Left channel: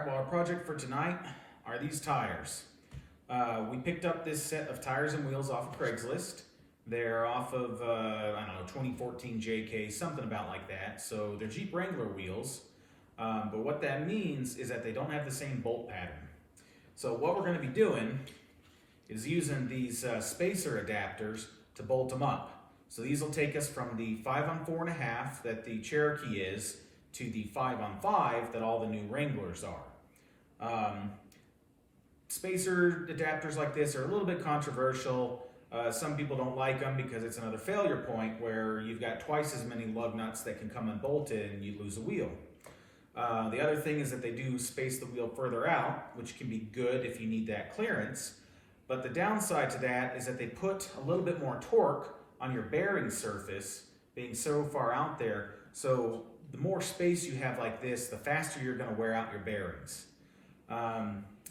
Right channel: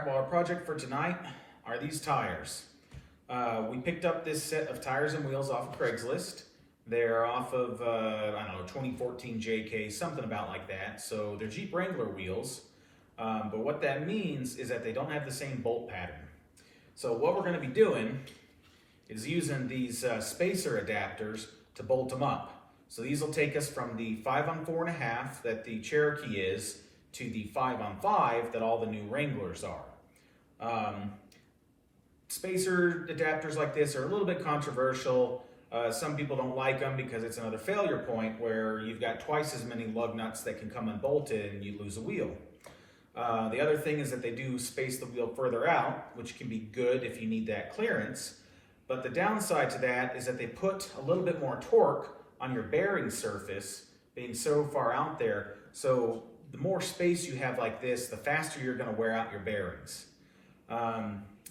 right, well, our project for tonight are these tires. We picked up this set of tires and wheels off of Craigslist. They're off of, I don't know, 2014 JK, something about like that. So they're Jeep Wrangler wheels. But what that means is that they don't have the same bolt pattern. So what we're going to be doing is using these spacer adapters to bolt them up. So these will take us from the 5-on-4.5 that the Cherokee is to the 5-on-5 that all the new Wranglers are. Spacer adapters like this are a little bit controversial. Some people don't like them because it's another failure point where you've got twice as many lug nuts that can come unbolted and you lose a wheel. The other thing is that they do space the wheel further out, which can be good if you need that clearance. But the downside to that is that they put a little bit more torque on your bearing surface being so far out there. So the more space you have like this, the faster you're going to wear out your bearings.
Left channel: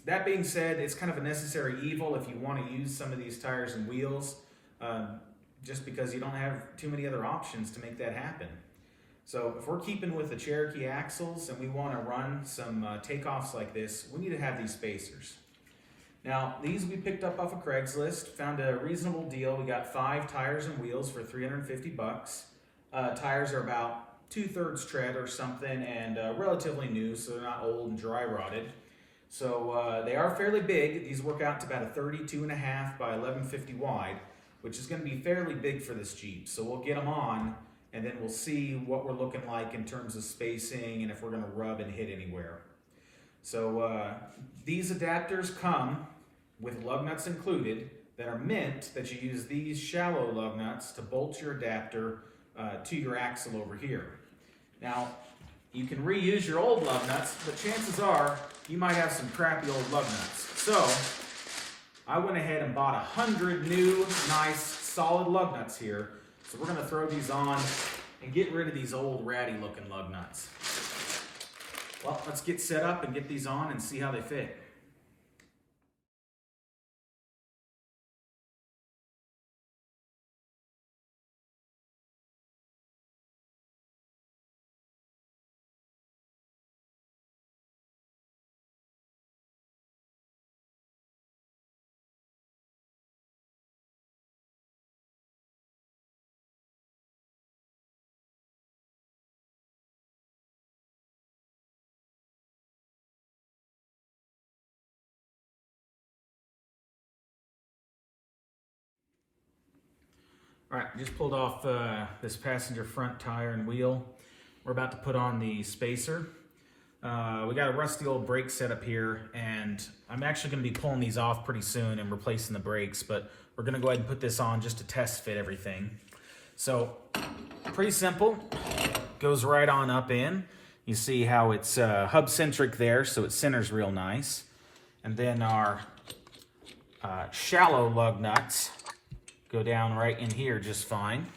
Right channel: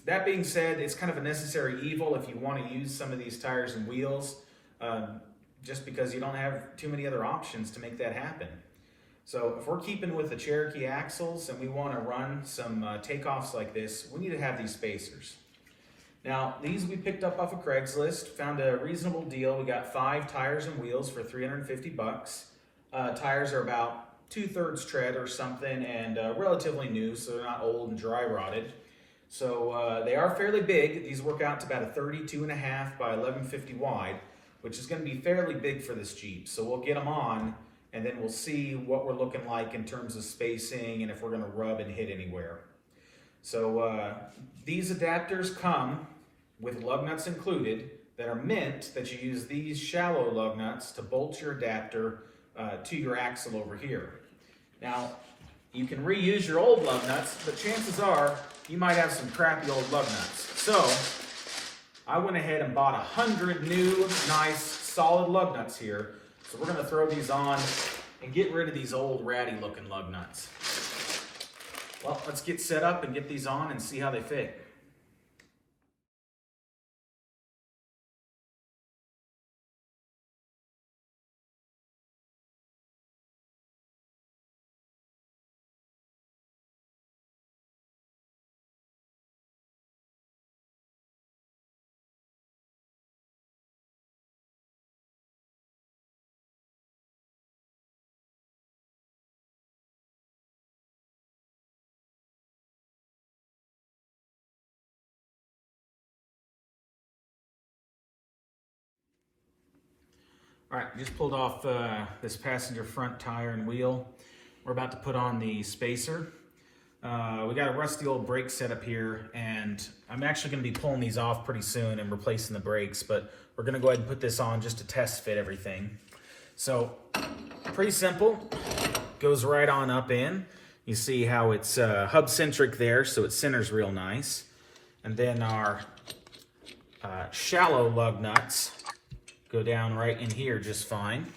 That being said, it's kind of a necessary evil if you want to use some of these tires and wheels, just because you don't have too many other options to make that happen. So if we're keeping with the Cherokee axles and we want to run some takeoffs like this, we need to have these spacers. Now, these we picked up off of Craigslist, found a reasonable deal. We got 5 tires and wheels for 350 bucks. Tires are about 2/3 tread or something and relatively new, so they're not old and dry rotted. So they are fairly big. These work out to about a 32.5 by 1150 wide, which is going to be fairly big for this Jeep. So we'll get them on and then we'll see what we're looking like in terms of spacing and if we're going to rub and hit anywhere. So these adapters come with lug nuts included that are meant that you use these shallow lug nuts to bolt your adapter to your axle over here. Now, you can reuse your old lug nuts, but chances are you might have some crappy old lug nuts. So I went ahead and bought 100 new, nice, solid lug nuts here. So we're going to throw these on and get rid of these old ratty looking lug nuts. Well, let's get set up and get these on and see how they fit. All right, just pulled off this passenger front tire and wheel. We're about to put on the spacer. We got a rusty old brake setup here, and I'm actually going to be pulling these off pretty soon and replacing the brakes, but we're going to go ahead and put this on just to test fit everything. So, pretty simple. Goes right on up in. You see how it's hub-centric there, so it centers real nice. And then our shallow lug nuts go down right in here just fine.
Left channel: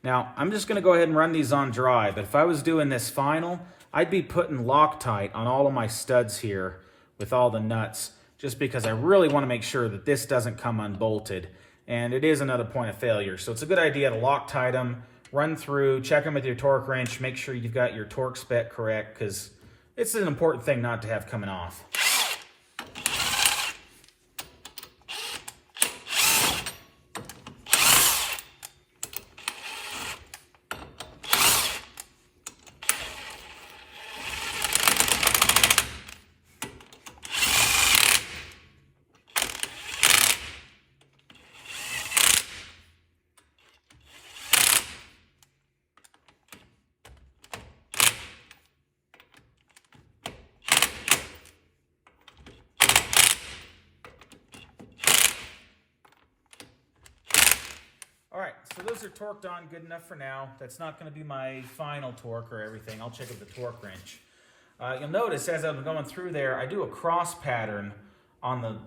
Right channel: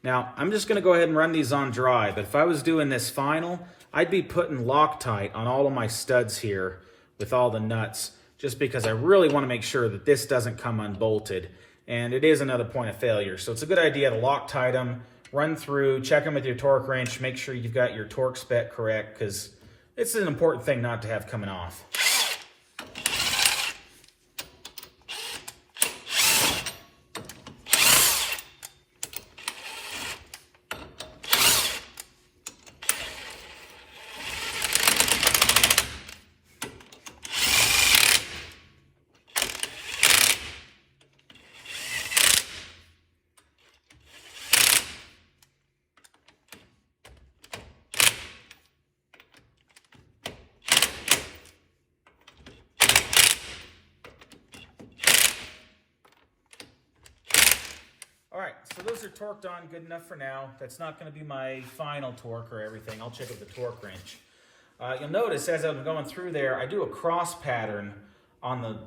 Now, I'm just going to go ahead and run these on dry, but if I was doing this final, I'd be putting Loctite on all of my studs here with all the nuts, just because I really want to make sure that this doesn't come unbolted, and it is another point of failure. So it's a good idea to Loctite them, run through, check them with your torque wrench, make sure you've got your torque spec correct, because it's an important thing not to have coming off. All right, so those are torqued on good enough for now. That's not going to be my final torque or everything. I'll check with the torque wrench. You'll notice as I'm going through there, I do a cross pattern on the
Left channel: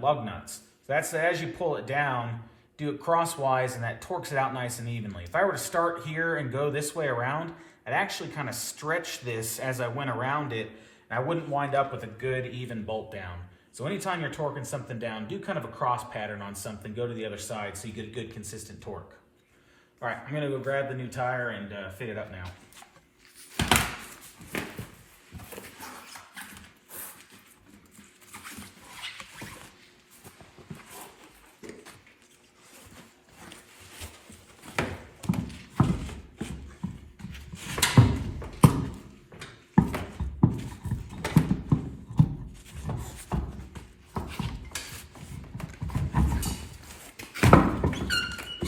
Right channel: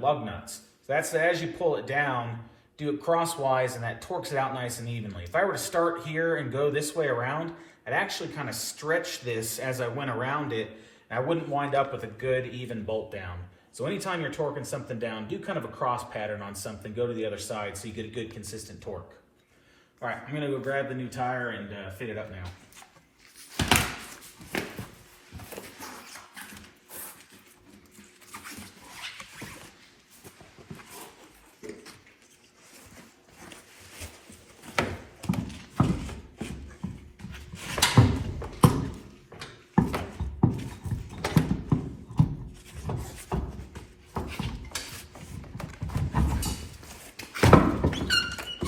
lug nuts. So that's as you pull it down, do it crosswise, and that torques it out nice and evenly. If I were to start here and go this way around, I'd actually kind of stretch this as I went around it, and I wouldn't wind up with a good even bolt down. So anytime you're torquing something down, do kind of a cross pattern on something, go to the other side so you get a good consistent torque. All right, I'm gonna go grab the new tire and fit it up now.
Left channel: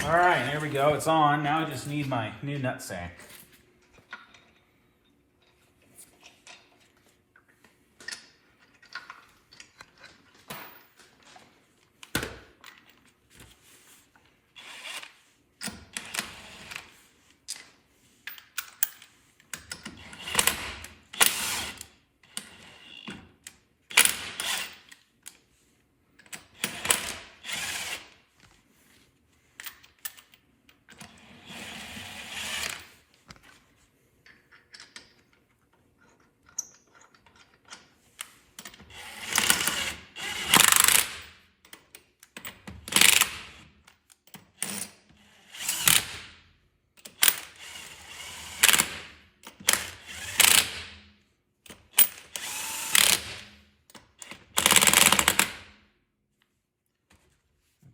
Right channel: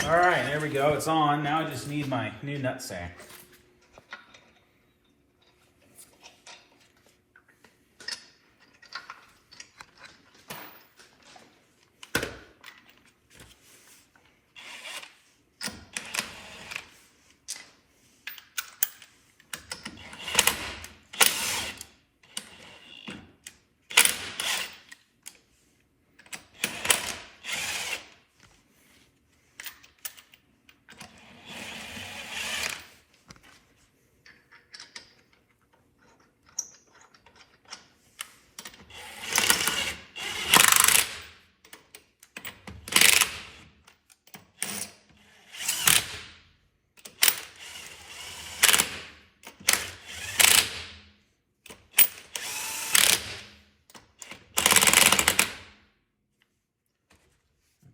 All right, there we go. It's on. Now I just need my new nutsack.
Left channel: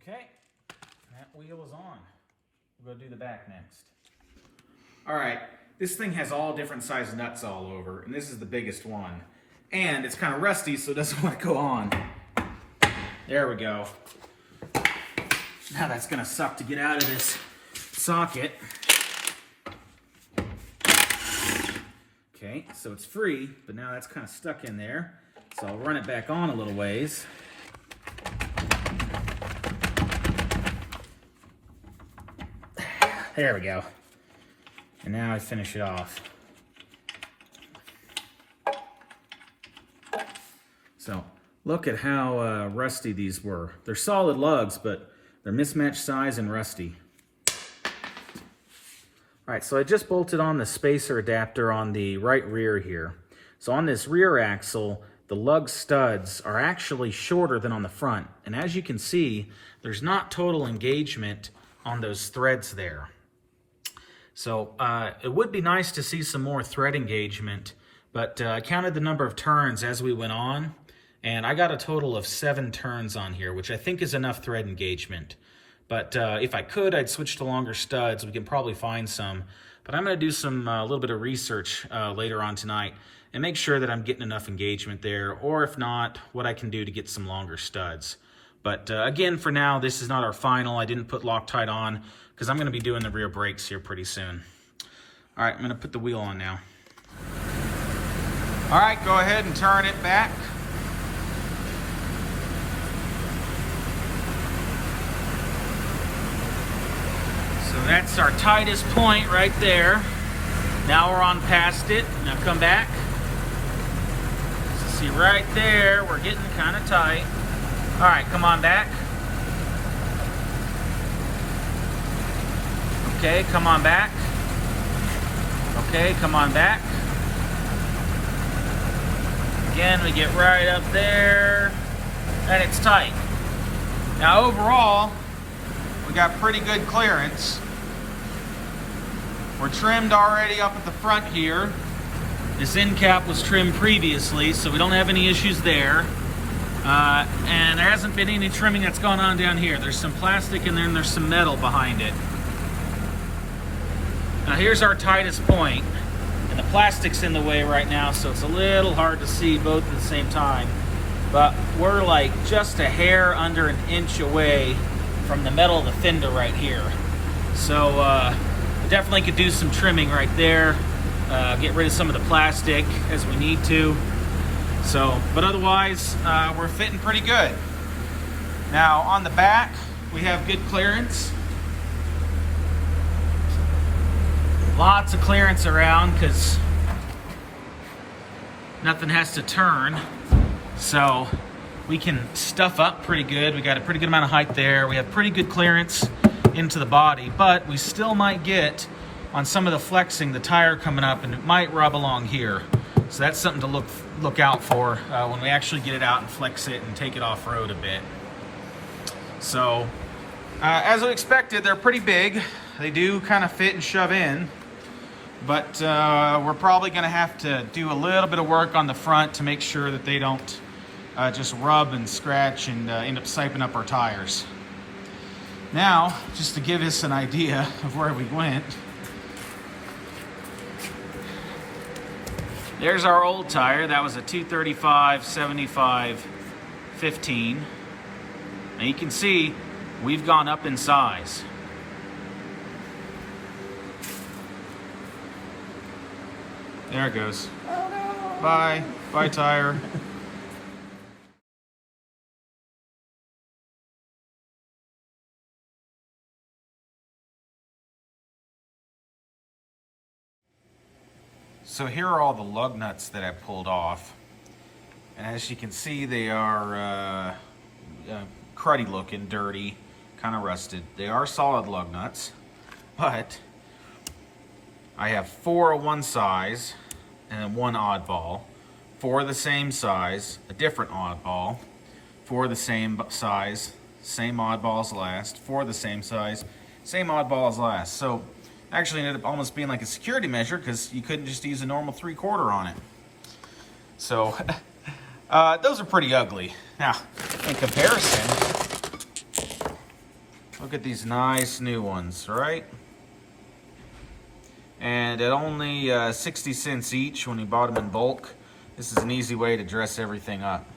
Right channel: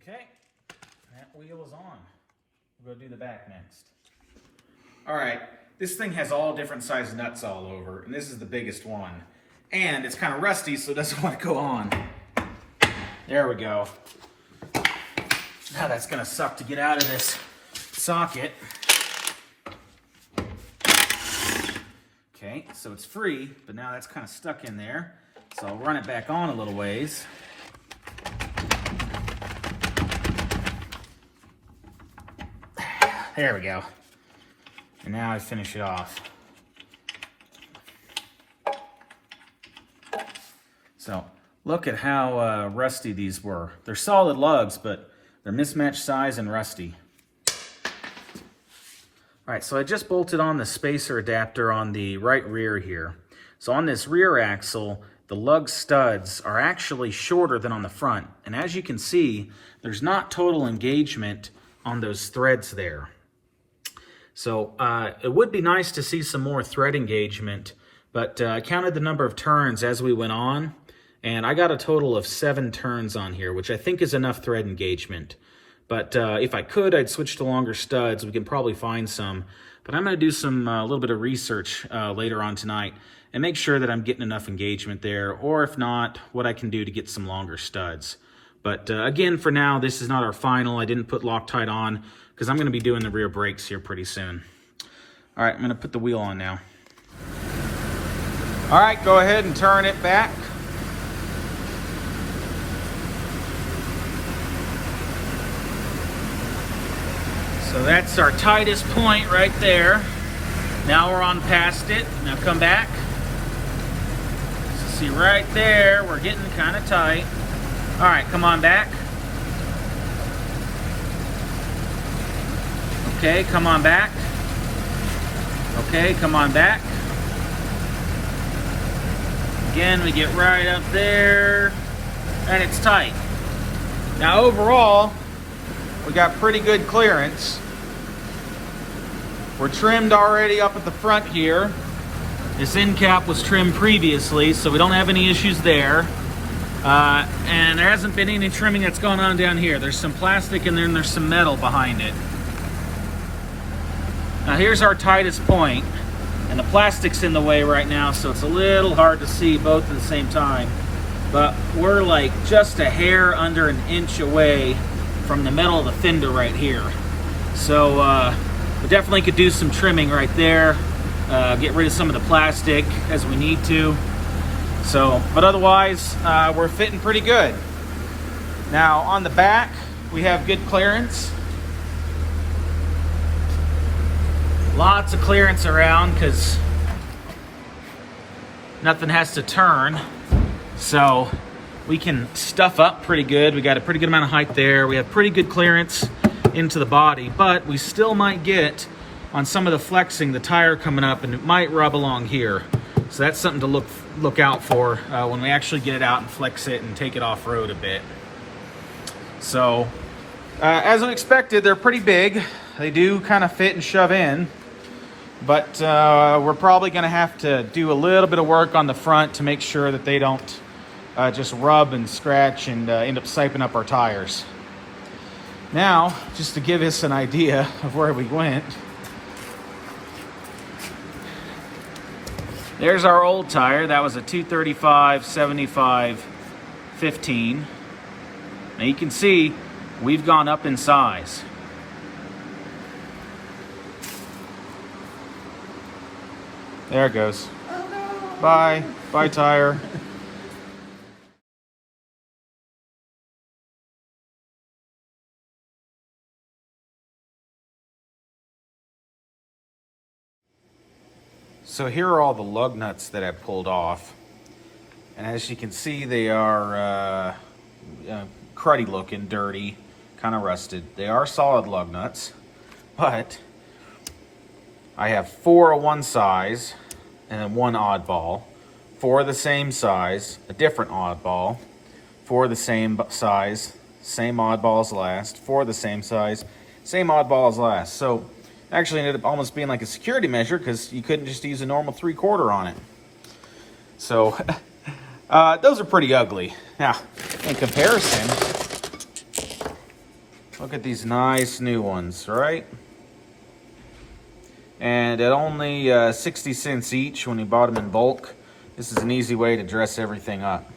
Okay, that wheel is on. We'll go do the back next. All right, this thing has all different size nuts all over, and this is the biggest one. And it's kind of rusty, so it doesn't want to go on. There we go. Now that's gonna suck to get out of this socket. Okay, so it's free, but now that's kind of stuck in there. So I'll run it back on a little ways. There we go. And now I finish it off. So look at how rusty these were. They're solid lugs, but they're mismatched size and rusty. All right, so I just bolted on the spacer adapter on the right rear here. So on this rear axle, the lug studs are actually shorter than on the front. And as you can see, there's not total engagement on those threads there. So it would be nice to see some more thread engagement, but I counted the number of turns as we went on, and I got a total of 7 turns on here, which I think is enough thread engagement. But if I could, I'd switch to longer studs. We can probably find some, but I'm going to do some a little bit of research later on tonight and make sure that I'm getting enough engagement there, or if not, what I can do to get some longer studs. But again, for now, this is not our final. I didn't put Loctite on, because I'm going to be doing the rear brakes here pretty soon. All right, I'm going to put the wheel on now. All right, go ahead and turn it back. So that's our tightest point right there. Now we're on past it. Now come back. See right there, we're getting kind of tight. All right, come on back. Okay, come on back. Okay, come on back. Again, we get right up there, and it's tight. Now overall, we got pretty good clearance. We're trimmed already up at the front here. This end cap was trimmed previously, so we don't have any issues there. And there hasn't been any trimming that's gone on down here. There's some plastic and then there's some metal behind it. Now here's our tightest point, and the plastic's in the way right now, so it's a little hard to see both at the same time. But we're like just a hair under an inch away from the metal of the fender right here. So we definitely could do some trimming right there, get rid of some of the plastic as we need to. So, but otherwise, we're fitting pretty good. Now on the back, we have good clearance. Lots of clearance around because nothing has to turn. So we can stuff up pretty good. We got a pretty good amount of height there. We have pretty good clearance into the body, but we still might get on some of the flexing, the tire coming up, and it might rub along here. So that's something to look out for when we actually get it out and flex it and take it off-road a bit. So as we expected, they're pretty big. They do kind of fit and shove in, but we're probably going to have to do a little bit of work on the front to make sure that they don't just rub and scratch and end up siping up our tires. Now, just to give us an idea of where we went, there's our old tire. That was a 235 75 15. Now you can see we've gone up in size. There it goes. Bye. Bye, tire. So here are all the lug nuts that I pulled off. And as you can see, they are cruddy looking, dirty, kind of rusted. They are solid lug nuts, but I have 4 of one size and then 1 oddball, 4 of the same size, a different oddball, 4 of the same size, same oddball as last, 4 of the same size, same oddball as last. So actually ended up almost being like a security measure because you couldn't just use a normal 3/4 on it. So those are pretty ugly. Now, in comparison, look at these nice new ones, right? And at only 60 cents each when you bought them in bulk, this is an easy way to dress everything up.